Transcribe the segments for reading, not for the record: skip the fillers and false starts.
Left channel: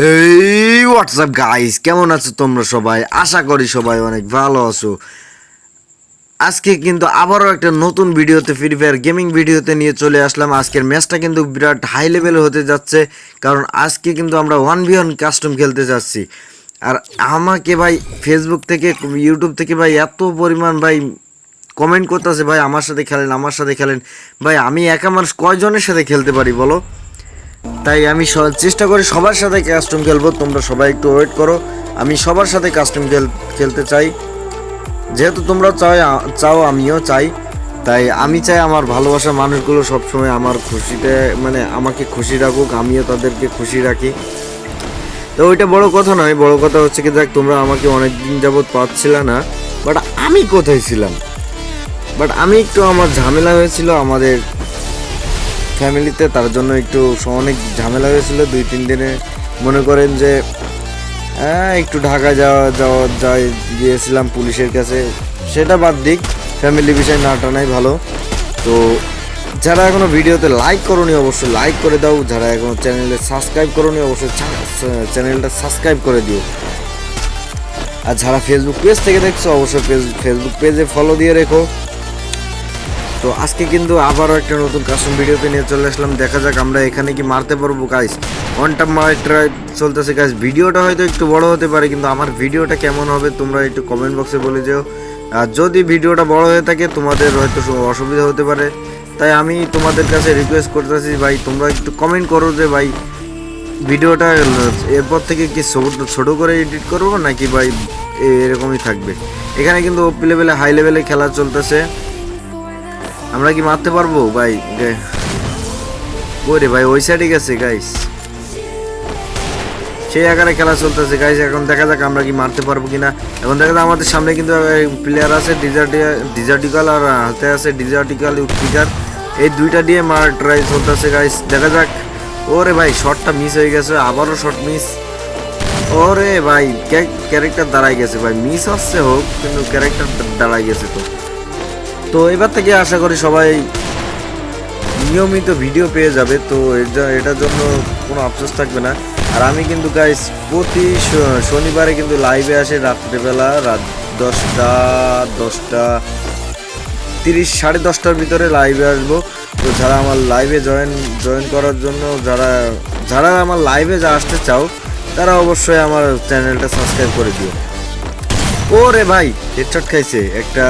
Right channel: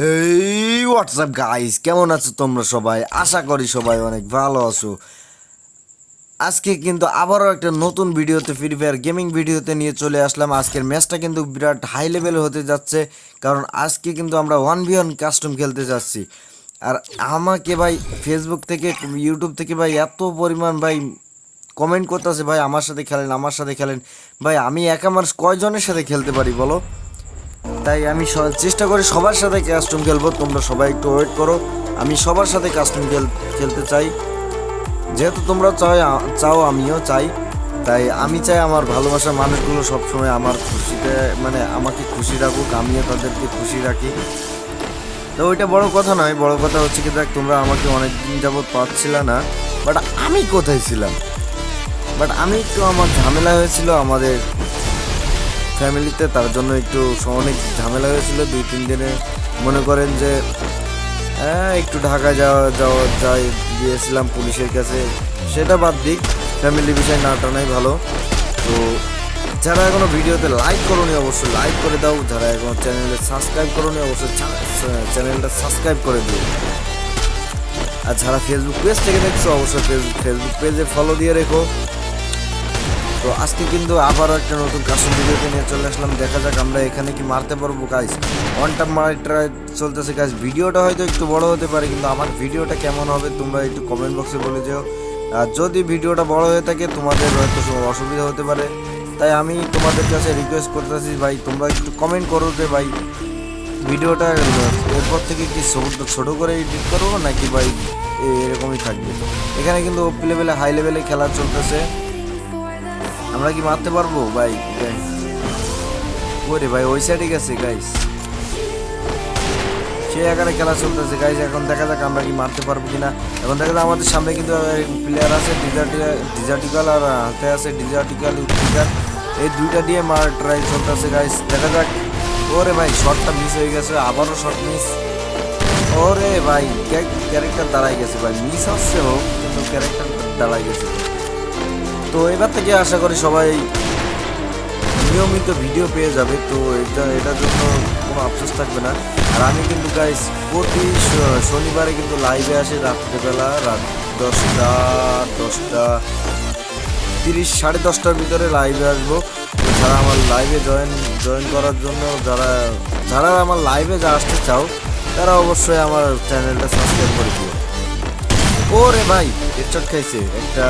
হেই WhatsApp guys, কেমন আছো তোমরা সবাই? আশা করি সবাই অনেক ভালো আছো। আজকে কিন্তু আবারও একটা নতুন ভিডিওতে ফ্রি ফায়ার গেমিং ভিডিওতে নিয়ে চলে আসলাম। আজকের ম্যাচটা কিন্তু বিরাট হাই লেভেল হতে যাচ্ছে, কারণ আজকে কিন্তু আমরা 1v1 কাস্টম খেলতে যাচ্ছি। আর আমাকে ভাই ফেসবুক থেকে ইউটিউব থেকে ভাই এত পরিমাণ ভাই কমেন্ট করতেছে, ভাই আমার সাথে খেলেন, আমার সাথে খেলেন। ভাই আমি একা মানুষ কয়জনের সাথে খেলতে পারি বলো? তাই আমি চেষ্টা করি সবার সাথে কাস্টম খেলবো। তোমরা সবাই একটু ওয়েট করো, আমি সবার সাথে কাস্টম খেলতে চাই। যেহেতু তোমরা চাও আমিও চাই, তাই আমি চাই আমার ভালোবাসার মানুষগুলো সবসময় আমার খুশিতে মানে আমাকে খুশি রাখুক, আমিও তাদেরকে খুশি রাখি। তো ওইটা বড় কথা নয়, বড় কথা হচ্ছে কি, দেখ তোমরা আমাকে অনেকদিন যাবৎ পাচ্ছিলে না, বাট আমি কোথায় ছিলাম? বাট আমি একটু আমার ঝামেলা হয়েছিল আমাদের ফ্যামিলিতে, তার জন্য একটু অনেক ঝামেলা হয়েছিল 2-3 দিনে। মনে করেন যে একটু ঢাকা যাওয়া গিয়েছিলাম পুলিশের কাছে, সেটা বাদ দিক, ফ্যামিলি বিষয় না টানাই ভালো। তো যারা এখনো ভিডিওতে লাইক করোনি অবশ্যই লাইক করে দাও, যারা এখনো চ্যানেলে সাবস্ক্রাইব করোনি অবশ্যই চ্যানেলটা সাবস্ক্রাইব করে দিও। আর যারা ফেসবুক পেজ থেকে দেখছো অবশ্যই ফেসবুক পেজে ফলো দিয়ে রেখো। তো আজকে কিন্তু আবারও একটা নতুন কাস্টম ভিডিওতে নিয়ে চলে আসলাম। দেখা যাক আমরা এখানে কি মারতে পারবো গাইস। ওয়ানটা ট্রাই চলতেছে গাইস। ভিডিওটা হয়তো একটু বড় হতে পারে, কিন্তু আমার ভিডিওটা কেমন হবে তোমরা একটু কমেন্ট বক্সে বলে যেও। আর যদি ভিডিওটা বড় হয়ে থাকে তোমাদের হয়তো অসুবিধা হতে পারে, তাই আমি তোমাদের কাছে রিকোয়েস্ট করতেছি ভাই তোমরা একটু কমেন্ট করো যে ভাই ভিডিওটা এরপর থেকে কি ছোট করে এডিট করবো নাকি ভাই এরকমই থাকবে। এখানে কিন্তু ওপি লেভেলে হাই লেভেলে খেলা চলতেছে, আমরা কি মারতে পারবো ভাই? ওরে ভাই ওই সাইডে গেছে গাইস, সেই আকারে খেলা চলতেছে গাইস। এখন দেখা যাক আমরা কি মারতে পারবো কিনা। এখন দেখা যাক আমাদের সামনে কিন্তু প্লেয়ার আছে ডিজার্টিকাল, আর হাতে আছে ডিজার্টিকাল উৎপিকার, এই দুইটা দিয়ে মার ট্রাই চলতেছে গাইস। দেখা যাক। ওরে ভাই শটটা মিস হয়ে গেছে, আবারও শট মিস। ওরে ভাই ক্যারেক্টার দাঁড়াই গেছে ভাই, মিস হচ্ছে হোক কিন্তু ক্যারেক্টার দাঁড়াই গেছে। তো এবার থেকে আশা করি সবাই নিয়মিত ভিডিও পেয়ে যাবে, তো এটার জন্য কোনো আফসোস থাকবে না। আর আমি কিন্তু গাইস প্রতি শনিবারে কিন্তু লাইভে আসে রাত্রিবেলা, রাত 10:30 10:30 ভিতরে লাইভে আসবো। তো যারা আমার লাইভে জয়েন করার জন্য যারা আমার লাইভে আসতে চাও তারা অবশ্যই আমার চ্যানেলটা সাবস্ক্রাইব করে দিও। ওরে ভাই হেডশট খাইছে একটা।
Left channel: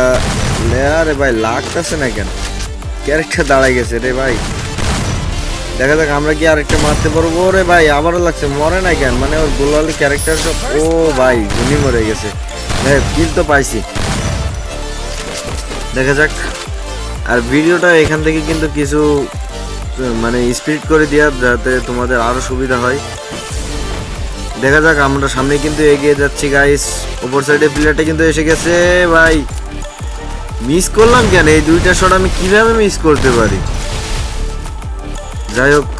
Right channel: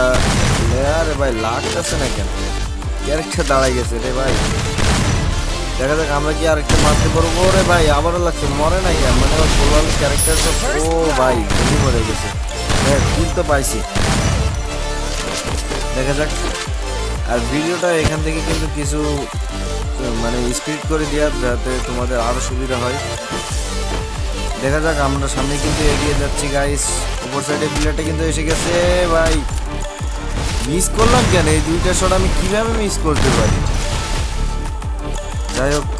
আরে ভাই লাগতেছে না কেন, ক্যারেক্টার দাঁড়াই গেছে রে ভাই। দেখা যাক আমরা কি আরেকটা মারতে পারবো। ওরে ভাই আবারও লাগছে, মরে নাই কেন, মানে ওর গোলালি ক্যারেক্টারটা। ও ভাই উনি মরে গেছে, কিল তো পাইছি। দেখা যাক। আর ভিডিওটা এখান থেকে কিন্তু কিছু মানে স্পিড করে দেওয়ার, যাতে তোমাদের আরো সুবিধা হয়। দেখা যাক, আমরা সামনে কিন্তু এগিয়ে যাচ্ছি গাইস। উপর সাইডে প্লেয়ারটা কিন্তু এসে গেছে ভাই। মিস করলাম কেন? এই দুইটা শট আমি কিভাবে মিস করতে পারি? যাই হোক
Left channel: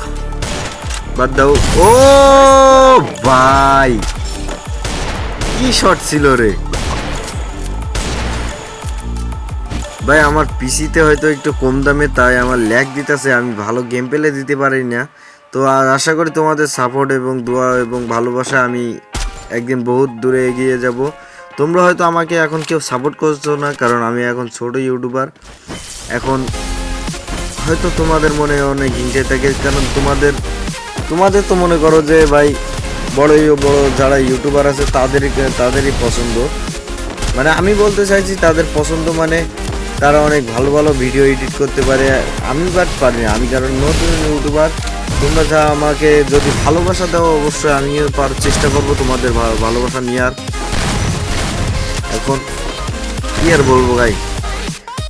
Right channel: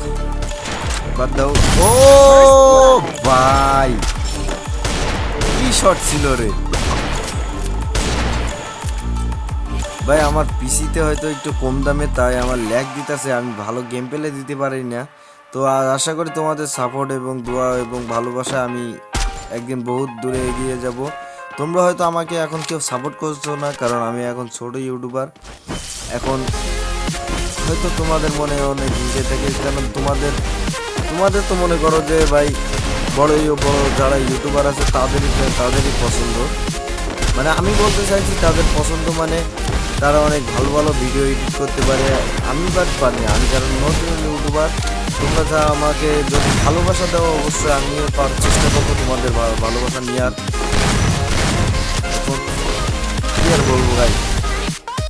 বাদ দাও। ও ভাই কি শট ছিল রে ভাই। আমার পিসিতে হয়তো একটু কম দামে, তাই আমার ল্যাগ দিতেছে, আমি ভালো গেম পেলে দিতে পারি না। তো আশা করি তোমাদের সাপোর্ট এবং দোয়া এবং ভালোবাসা আমি একদিন বহুত দূরে এগিয়ে যাব। তোমরা হয়তো আমাকে এখন কেউ সাপোর্ট করছো না, কারণ আমি এখন ছোট ইউটিউবার। এখন হয়তো তোমাদের মনে অনেক হিংসে থাকে, কারণ তোমাদের তো মনে করো যে ভাই বড় যারা ইউটিউবার আছে তাদেরই পছন্দ। মানে আমি বলতে চাইছি তাদের পছন্দ মানে তারা অনেক ভালো ভালো ভিডিও এডিট করতে পারে, আমি বাট পারি। আমি যারা নতুন ইউটিউবার, তোমরা যা আমাকে যদি ভালোবাসা দাও অবশ্যই আমিও চেষ্টা করবো তোমাদের ভালোবাসা নেওয়ার। এখন কি আর বলবো ভাই,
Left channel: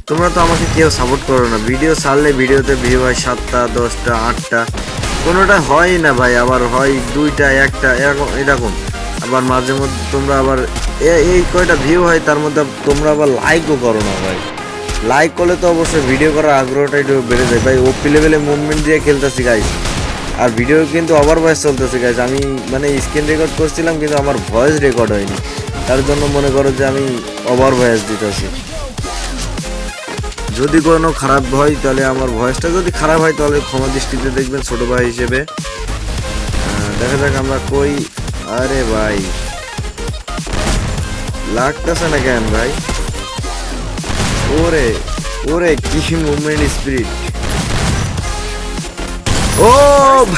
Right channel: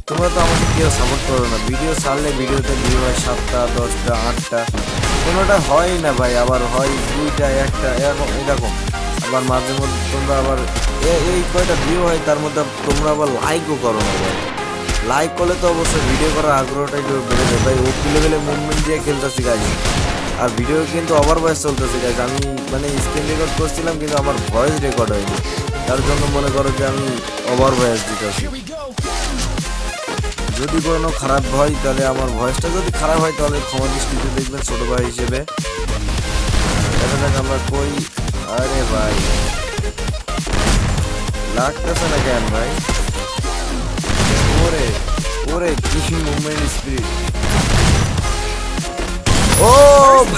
তোমরা তো আমাকে কেউ সাপোর্ট করো না। ভিডিও ছাড়লে ভিডিওতে ভিউ হয় 7টা 10টা 8টা, কোনোটা হয় না ভাই, আবার হয় 2টা 1টা এরকম। আবার মাঝে মধ্যে তোমরা আবার এই কয়টা ভিউ হয় তার মধ্যে তোমরা আবার লাইকও করো না ভাই। লাইক করলে তো অবশ্যই ভিডিও করার আগ্রহটা একটু বেড়ে যায় ভাই। ওপি লেভেলে মুভমেন্ট দিয়ে খেলতেছি গাইস, আর ভিডিও কিন্তু ওভার ভয়েস চলতেছে গাইস। আমি মানে স্ক্রিন রেকর্ড করছিলাম কিন্তু আমার ভয়েস রেকর্ড হয়নি, তার জন্য মনে করো যে আমি ওভার ভয়েস দিতেছি। যদি কোনো খারাপ হয় তাহলে আমার ভয়েসটা যদি খারাপ হয় তাহলে ক্ষমা দৃষ্টিতে দেখবেন ছোটো ভাই হিসেবে। দেখা যাক আমরা কই। আরে ভাই লাগতেছে না কেন ভাই? ওরে ওরে কি মুভমেন্ট স্পিরিট! ও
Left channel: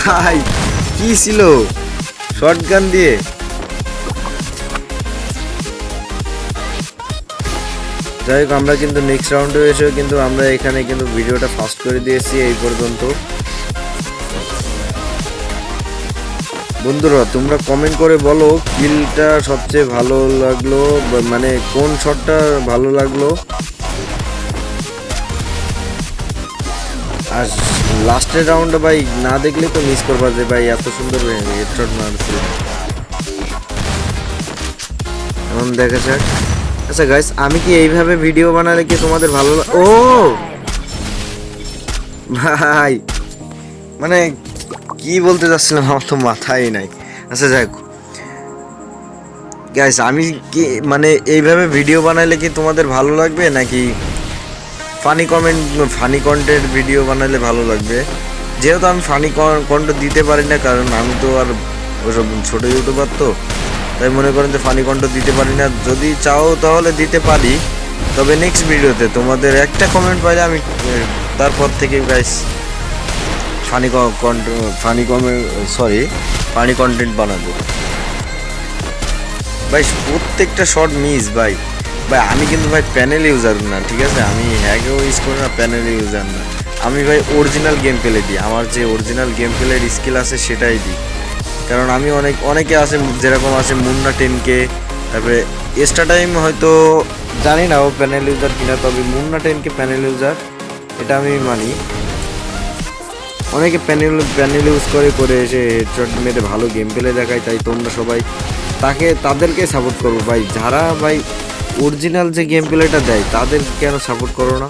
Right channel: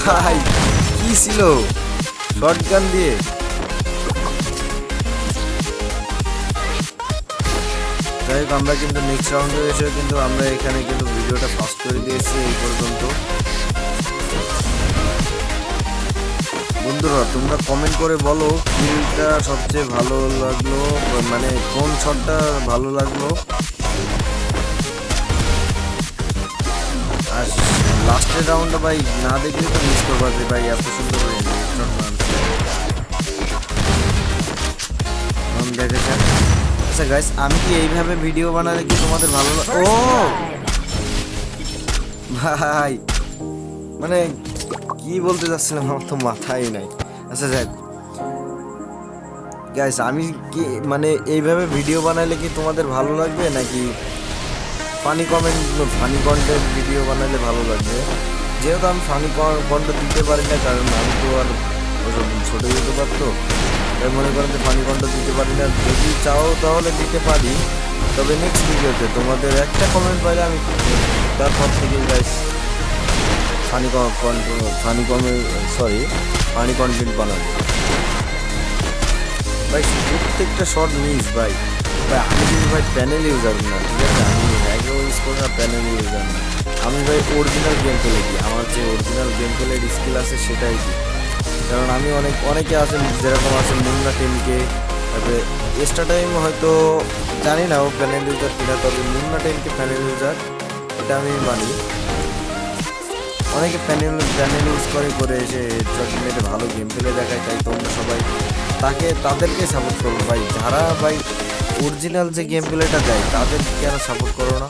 ভাই কি ছিল শটগান দিয়ে? যাই হোক আমরা কিন্তু নেক্সট রাউন্ডে এসেও কিন্তু আমরা এখানে কিন্তু ভিডিওটা ফাস্ট করে দিয়েছি এই পর্যন্ত। বন্ধুরা তোমরা কমেন্ট করে বলো কিলটা সবচেয়ে ভালো লাগলো, মানে কোন শটটা ভালো লাগলো। আর লাস্টের রাউন্ডে ভাই না দেখলে তো মিস করবা যে ভাই এত সুন্দর হেডশট মারছে। এখন দেখা যাক। আচ্ছা গাইস আমি কি এইভাবে ভিডিও বানালে কি তোমাদের ভালো ও ভাই মানে কি বলতে যাচ্ছিলাম আমার তো মাথায় নাই। আচ্ছা যাই হোক গাইস আমি কি মানে এইভাবে ভিডিও বানাইলে কি তোমাদের ভালো লাগবে নাকি ফানি কন্টেন্ট ভিডিও বানালে ভালো লাগবে? যেহেতু আমি ফানি কন্টেন্ট দিতে পারি না, কারণ আমি তো আর ওসব ছোটো ইউটিউবার, তো তাই মনে করেন যে ফানি কন্টেন্ট দিতে পারি না। যদি চাও তাহলে দিতে পারি, তবে নেক্সট ভিডিওতে তোমাদের একটা কমেন্ট পাইলে আমি তারপর থেকে গাইস ফানি কন্টেন্ট বানাবো ভাই। প্রত্যেকটা শট মিস ভাই। ভাই আমি কিন্তু ভাই প্যানেল ইউজার না, ঠিক আছে? আমি আগেও ইউজ করি না, প্যানেল ইউজার না। আমি ভাই অরিজিনাল গেম প্লে দিই, আমার যে অরিজিনাল গেম প্লের স্কিল আছে সেটাই দিই। কারণ আমি অনেকে আছে যেরকম আছে মুন্না 10K, তারপরে এক্সট্রা টাইম হয়তো জানি না ও প্যানেল ইউজার কিনা, তবে মুন্না 10K প্যানেল ইউজার এটা আমি মানি। অনেকে প্যানেল ইউজ করে এসে হেডশট মেরে ভালো গেম প্লে দেখায়, তাই তোমরা সবাই তাদেরকে সাপোর্ট করবো ভাই। যারা ভাই অরিজিনাল যে গেম প্লেটা দেয় তাদের কেন সাপোর্ট করো না?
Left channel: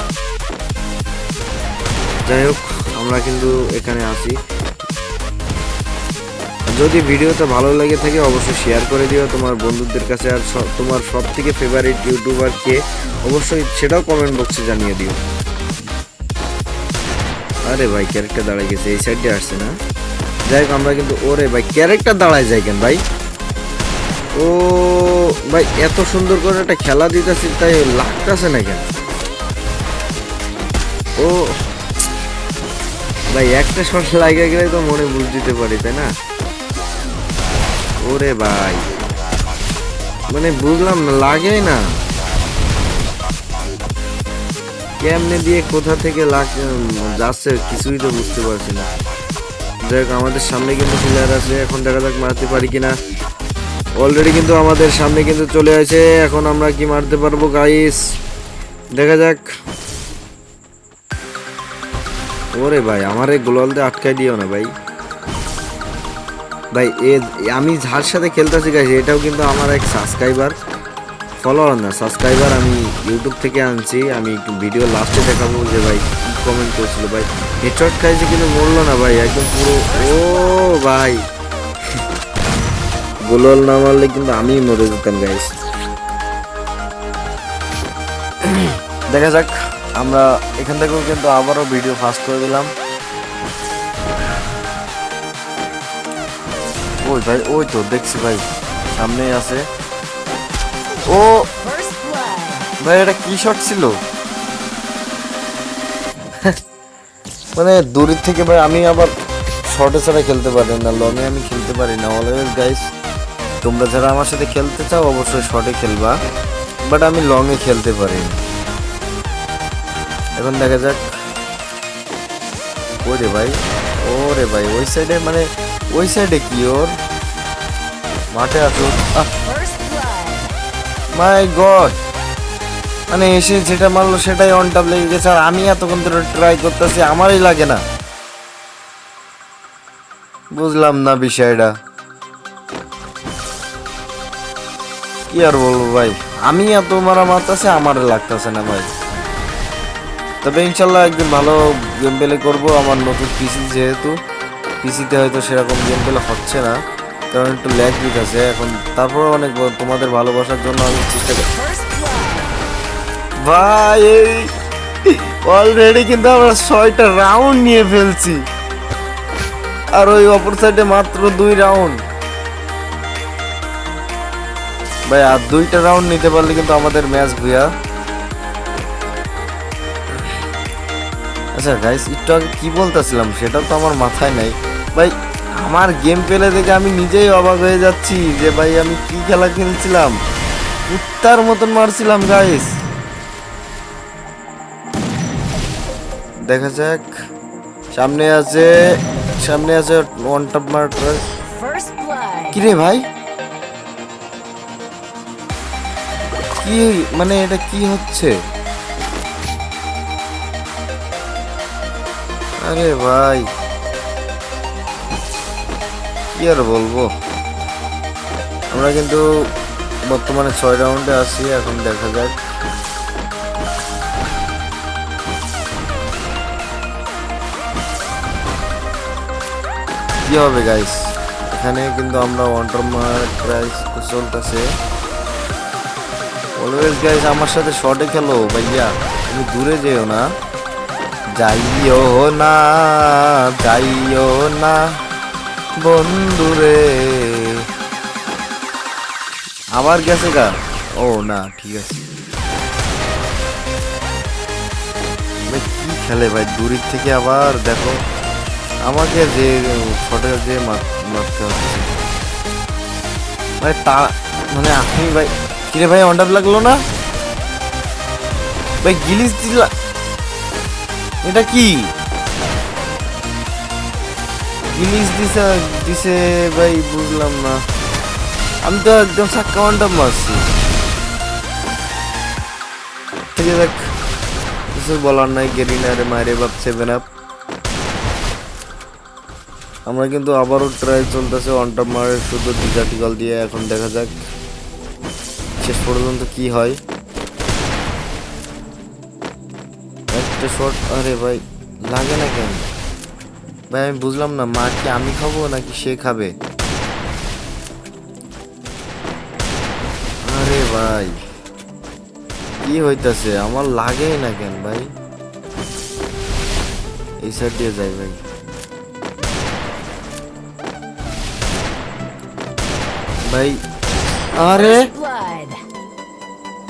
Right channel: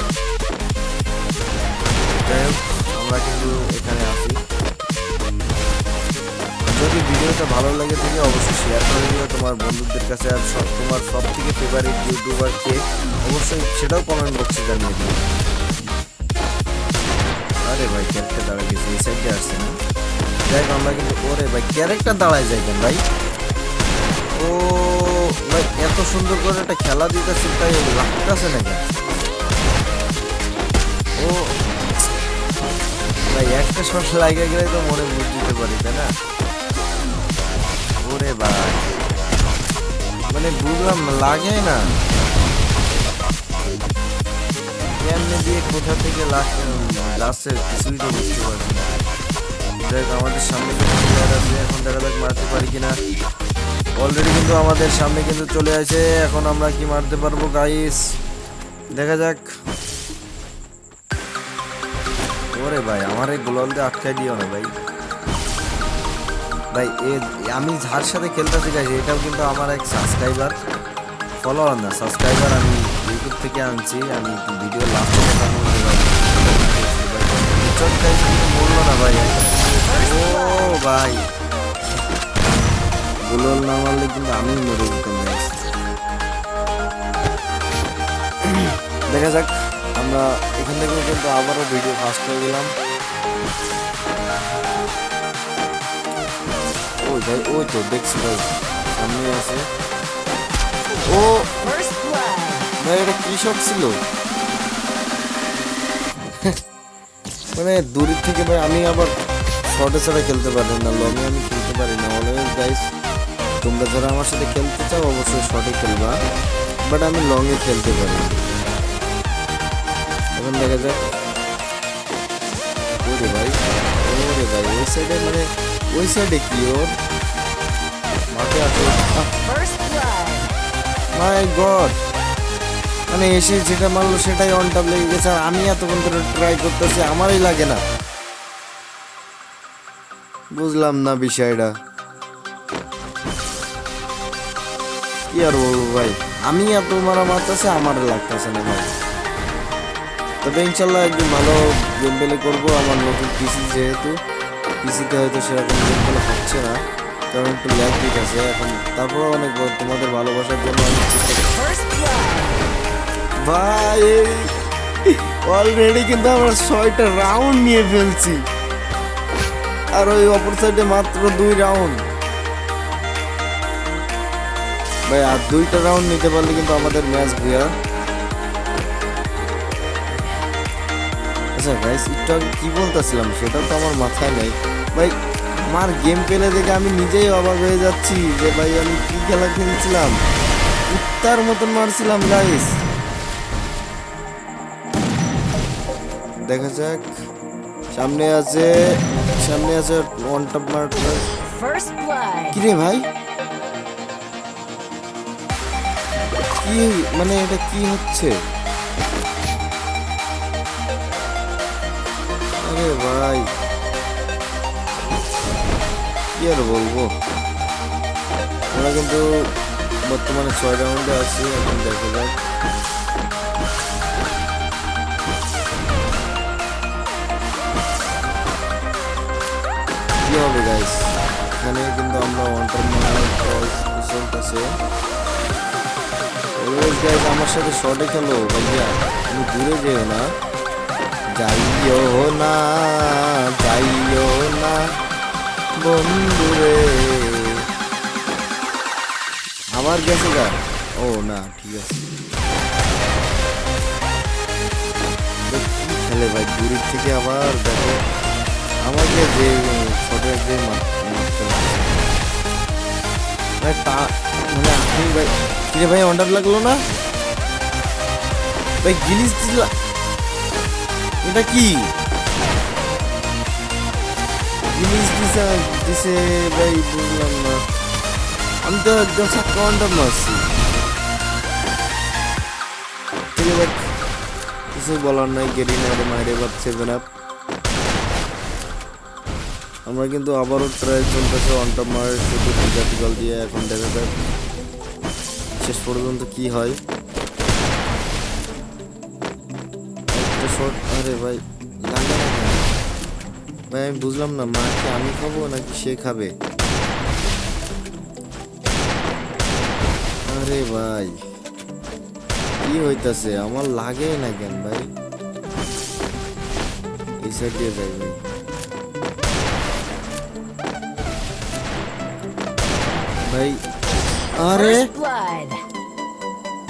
যাই হোক আমরা কিন্তু এখানে আসি। যদি ভিডিওটা ভালো লাগে থাকে অবশ্যই শেয়ার করে দিও তোমার বন্ধুদের কাছে, আর তোমার সব থেকে ফেভারিট ইউটিউবারকে অবশ্যই সেটাও কমেন্ট বক্সে জানিয়ে দিও। আরে ভাই ক্যারেক্টার দাঁড়ায় গেছে, এই সাইডে আসছে না। যাই হোক আমরা কিন্তু ওরে ভাই ক্যারেক্টার দাঁড়ায় যায় কেন ভাই? ও ভাই এত সুন্দর করে একটা খেলা দিতেছি তাই লাগতেছে না কেন? ও ভাই একটা শট লাগে গেলে তো মনে বুঝ দিতে পারি, তাই না? ওরে ভাই মানে বুঝলাম লাগে না কেমনে দিয়ে কোথা থেকে যাচ্ছে কিছুই তো বুঝতে পারছি না। দেখ আমাদের সামনে কিন্তু চলে আসবে, এখন দেখা যাক মারতে পারি কিনা। অলরেডি কিন্তু আমাদের সামনে কিন্তু চলে আসে, এখন আমরা কি মারতে পারবো গাইস দেখা যাক। ওরে ভাই আমার এই গোলালতে আটকাই দিও না ভাই। ভাই আমি যার সাথে খেলতেছি গাইস এটাও কিন্তু আমার এক সাবস্ক্রাইবার, ফলোয়ার না সাবস্ক্রাইবার। আমি ইউটিউব থেকে আনছি, আমি একটু ভিডিও লাস্ট কথা বলবো ভাই, কমেন্ট করছিল ভাই হেডশট খাইছে কিন্তু বললো না ভাই একদম পুরো। ও ভাই গোলাল না মারলে কিন্তু আমি মরে যেতাম গাইস। দেখা যাক আমরা এখান থেকেও কিন্তু আবারও ভিডিও ফাস্ট করে দিলাম। ওই ভাই ওই তো দেখছি ভাই সামনে আছে। ও ভাই এটা কি শট ছিল? মানে দূরের থেকে ভাই আমি আবার শর্টে ছাড়া খেলতে পারি না, লংয়ে আমি খেলতে পারি না। অলওয়েজ গাইস তোমরা যারা আমার সাথে খেলতে চাও অবশ্যই শর্টে খেলবা, বাট আমি লংয়ে খেলতে পারি। এখন দেখা যাক। ওরে ভাই ওই সাইডে মানে ওই সাইডে কি ওর মাঠে আছে? মাই গড মানে এসে যেটা মারলো সেটাই অন টাপ লেগে গেছে, আর আমি এতক্ষণ ধরে ট্রাই করতেছি আমারই লাগে না। বুঝলাম না বিষয়টা কি আর বলবো ভাই, আমি এত মারা মারতেছে আমারও লাগতেছে না ভাই। তবে ইনশাল্লাহ একদম ভালো গেম প্লে করবো। আমার নতুন পিসি যেহেতু পিসিতে হয়তো সেরকম গেম প্লে হচ্ছে না, কারণ একটু ল্যাগ আছে এখন। তারপরে অনেক তোমাদের ভালোবাসার জন্য ভাই অলরেডি কিন্তু আমরা 6টা রাউন্ড নিয়ে ফেলছি। আর ওই অপর সাইডে মাত্র 2 রাউন্ড ভাই। আর 2টা রাউন্ড নিতে পারলে কিন্তু আমাদের ম্যাচ ভুয়া। আচ্ছা গাইস, একটু আগে কি বলতেছিলাম সেটা তো আমার মাথায় নাই ভাই। আমার গেম প্লে দেখে আমি নিজেই অবাক হয়ে যাচ্ছি যে ভাই আমি কি খেলা খেলছিলাম, কুত্তার মতন মারছিলাম গাইস। দেখা যাক, সামনে আছে ওয়ান টপ মার। কি রে ভাই, কি মানে এটা কি হচ্ছে? আরে ভাই কি আর বলবো, আমরা কিন্তু বর্তমানে 6 রাউন্ডে আছি। এখন দেখা যাক কি হবে গাইস। এখানে কিন্তু আমরা ওয়ান টপ মার চলতেছে। অলওয়েজ গাইস আমার সাথে শর্টে খেলো ভাইয়া, তুমি দূরে যেও না, যাইও না, যাইও না বন্ধুরে। আবার গেছে গা? ও না, ঠিক আছে। কি খেলে ভাই দূরের থেকে, আবার দেখো আমাকে যে শর্টে যে মারতে হবে ভাই। তা মানে আপনি ভাই, কিরে ভাই অন্ডার লাগলো না ভাই? গিলিস দিলা, এটা কি গিলিস দিছে ভাই? বুঝলাম না, আমি তো একদম সাক্কা অন্ডার মারছি। কিছু বলার নাই, গেরিনারে মাইরে বাপ 7 আপ। আমরা কিন্তু আবারও ট্রাই চলতেছে ওয়ান টপ মারের ক্রিটিক্যাল দিয়ে। এখন দেখা যাক শেষ পর্যন্ত কি হয়। আরে ভাই লাগে না কেন ভাই? আমি বুঝলাম না, মাকে আমি খাবো নাকি সে খাবে? আরে ভাই কি হইতাছে, আমার লাগেই না কেন ভাই? এই সাইড দিয়ে যাই ভাই। ভাই আরে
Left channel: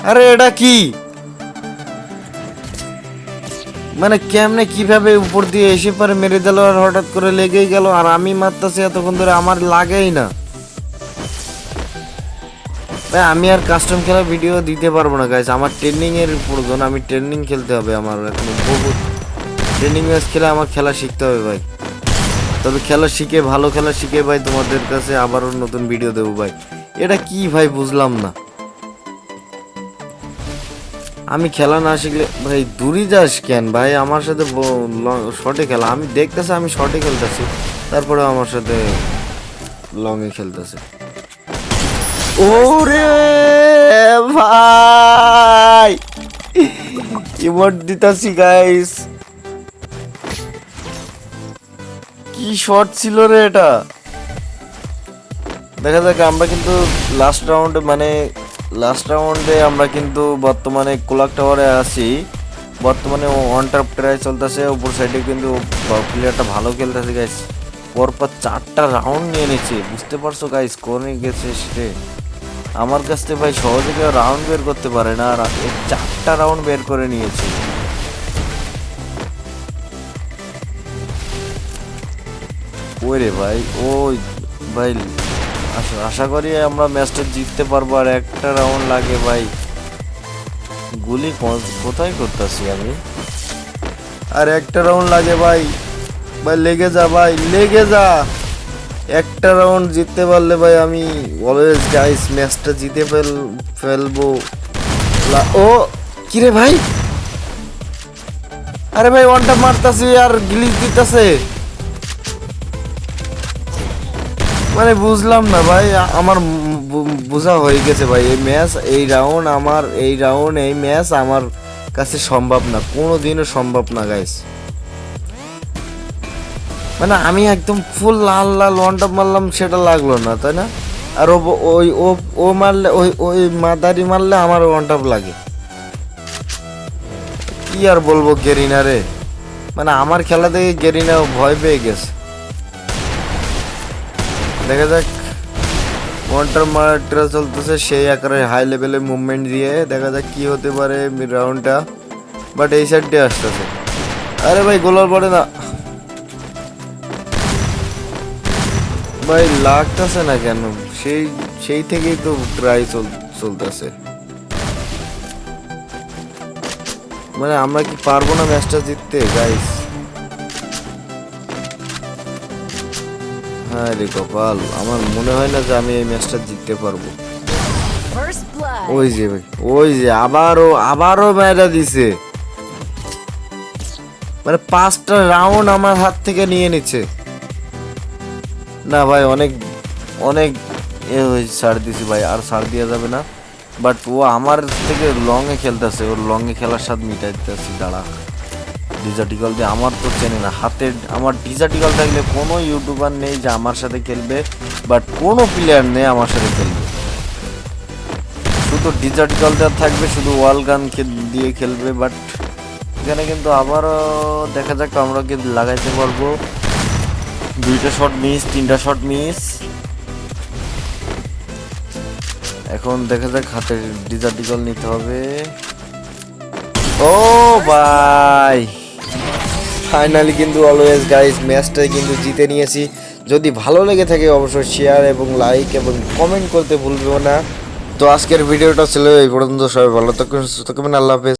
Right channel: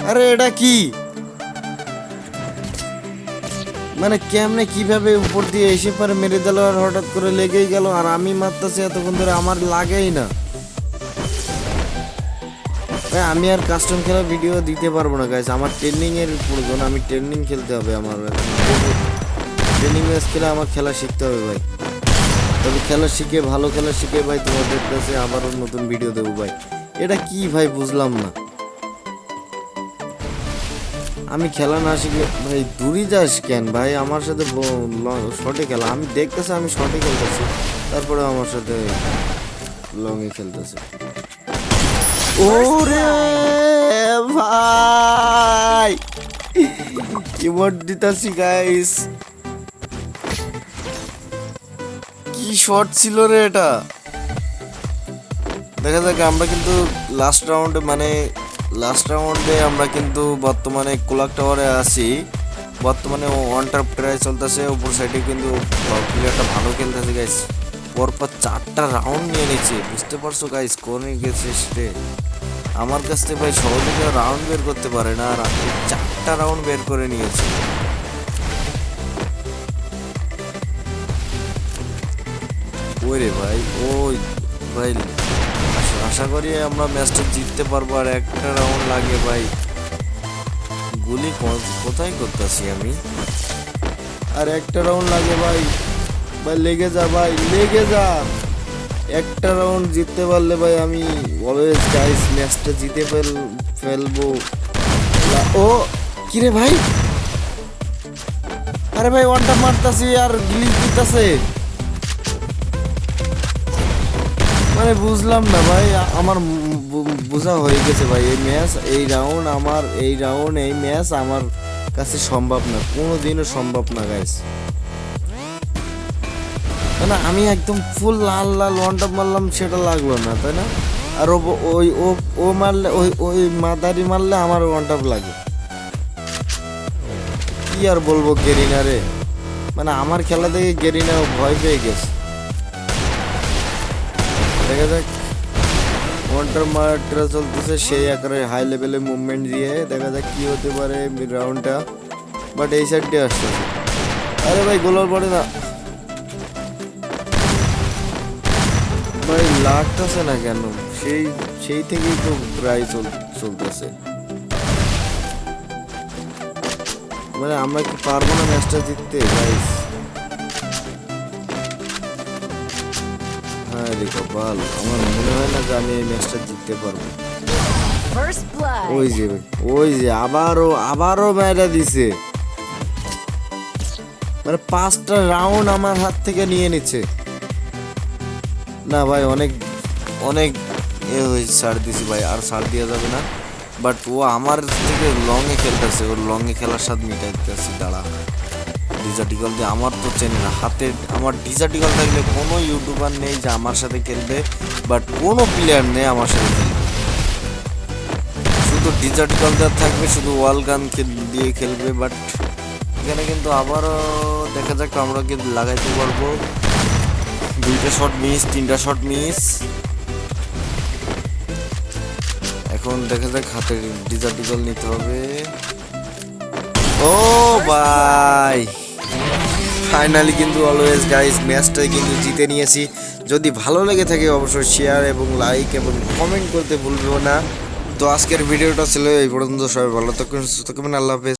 আরে এটা কি মানে, কেমনে কিভাবে উপর দিয়ে এসে পরে মেরে দিল আর হঠাৎ করে লেগেই গেল, আর আমি মারতেছি এতক্ষণ ধরে আমার লাগেই না। আমি আর কাস্টম খেলা ভিডিও দিতে পারবো না গাইস, আমার ট্রেনিং এর প্রয়োজন। আমি ট্রেনিং খেলতে হবে, আমার ট্রেনিং ম্যাচ খেলে আমার খেলা শিখতে হবে ভাই। তবে খেলা শিখে, ভালো খেলা শিখে ভাই তোমাদের কাছে আবারও নতুন ভিডিও দেবো ভাই। এটা কি ভাই বুঝলাম না, আমি খেলা না শিখলে ভাই দূরে যাস কেন ভাই? আমার সাথে শর্টে খেলা, আমি দেখতেছি আমি শর্টে খেলতেছি, তারপরে আমার সাথে লং এ খেলতেছে। ওরে ভাই ইমোট দিতাছি গাইস, কি শট ছিল রে এটা। দেখা যাক, আমরা কিন্তু লাস্ট রাউন্ডে আমরা কিন্তু বর্তমানে কোলাক টাওয়ারে আছি। বর্তমানে ওয়ান টপ ট্রাই চলতেছে, উপর সাইডে কিন্তু প্লেয়ারটা ভালো খেলতেছে গাইস। পরপর 4টা রাউন্ড নিয়ে নিচ্ছে, বুঝতে পারছো গাইস কোন গেছে সে। আমার কাছ থেকে ভাই সহজে রাউন্ড বের করতে পারে না, আর 4টা রাউন্ড বের করে নিয়েছে। ওরে ভাই, ওই ভাই আশা করি আমরা ম্যাচটা জিততে পারবো। আর একটা রাউন্ড লাগে ভাই, গুলি কোথায় করতেছি আমি? আর একটা রাউন্ড লাগে ভাই, ভাই লেগে যা ভাই, লেগে যা। একটা রাউন্ড জিততে পারলে ভাই আমি অলওয়েজ গাইস ম্যাচটা জিতে ফেলবো। ও কিরে ভাই, আরে ভাই ওয়ানটা মারতাছি আর গ্লিচ দিতেছে, মানে বুঝলাম না ভাই। আমার বোঝা হয়ে গেছে ভাই, এই ম্যাচ, এই রাউন্ড আমার, এই ম্যাচ আমার কাছে সম্ভব না, কোনোদিনও সম্ভব না গাইস। মানে আমি একদম ফুল লাল ওয়ান টপ মারলাম, সেটা লাগলো না, তাই না? আর ও মারলে, ওই মাদারি মারলে আমার ওয়ান টপ লাগে। কি আর বলবো গেরিনা রে, মানে আমার খেলা দেখে গেরিনা ভয় পেয়ে গেছে। দেখা যাক মন্টার মার্টরা চলতেছে সেই আকারে হাই লেভেলে মুভমেন্ট দিয়ে দেখা যাক কি হতে পারে রাউন্ডটা। বাট এই সাইড দিয়ে আসতেছে। আরে ভাই গোলার পড়ে না ভাই, লাগতেছে না কেন? সেই সেই থেকেই তো প্রায় চলতেছে। মানে আমরা কি পারবো না ম্যাচটা জিততে গাইস? হ্যাঁ রে কপাল, আমার মনে হয় না যে আমি এই ম্যাচটা জিততে পারবো। First blood. ওই যে ভাই, ওই যে আবারও মেয়েটা দিছে। মানে 5টা রাউন্ড আমার হাত থেকে নিয়ে নিচ্ছে। না ভাই অনেক অনেক ছাড় দিছি ভাই, আর ছাড় দেওয়া যাবে না। বাট ও আমার থেকে লংয়ে খেলতেছে, ওর লংয়ে খেলার স্বাদ মিটাইতেছে। দাঁড়া ডিজার্টিকল দিয়ে আমার তো চেন না হাতে, আমার ডিজার্টিকল থাকলে কোনো ইউটিউবার নেই যে আমার সাথে খেলবে, বাট কোনো প্লেয়ার নেই আমার সাথে খেলবে। শুধু ডিজার্টিকলটা থাকবে, শুধু ওয়াল গান দিয়ে খেলবে। বাট এখানে কিন্তু আবারও দেখা যাক আমরা কিন্তু লাগাইতে পারবো। 2টা শট মিস, 3টা শট মিস। এখন দেখা যাক হাতে ডিজার্টিকল নিতে হবে। ও ভাই ফাইনালি কিন্তু অলওয়েজ গাইস ম্যাচটাই কিন্তু জিতে নিয়েছি। যদি ভালো লেগে থাকে অবশ্যই শেয়ার এবং লাইক এবং কমেন্ট করতে ভুলবেও না। তো আজকের ভিডিওটা ছিল এই পর্যন্ত। সবাই ভালো থাকবেন, সুস্থ থাকবেন, আল্লাহ হাফেজ।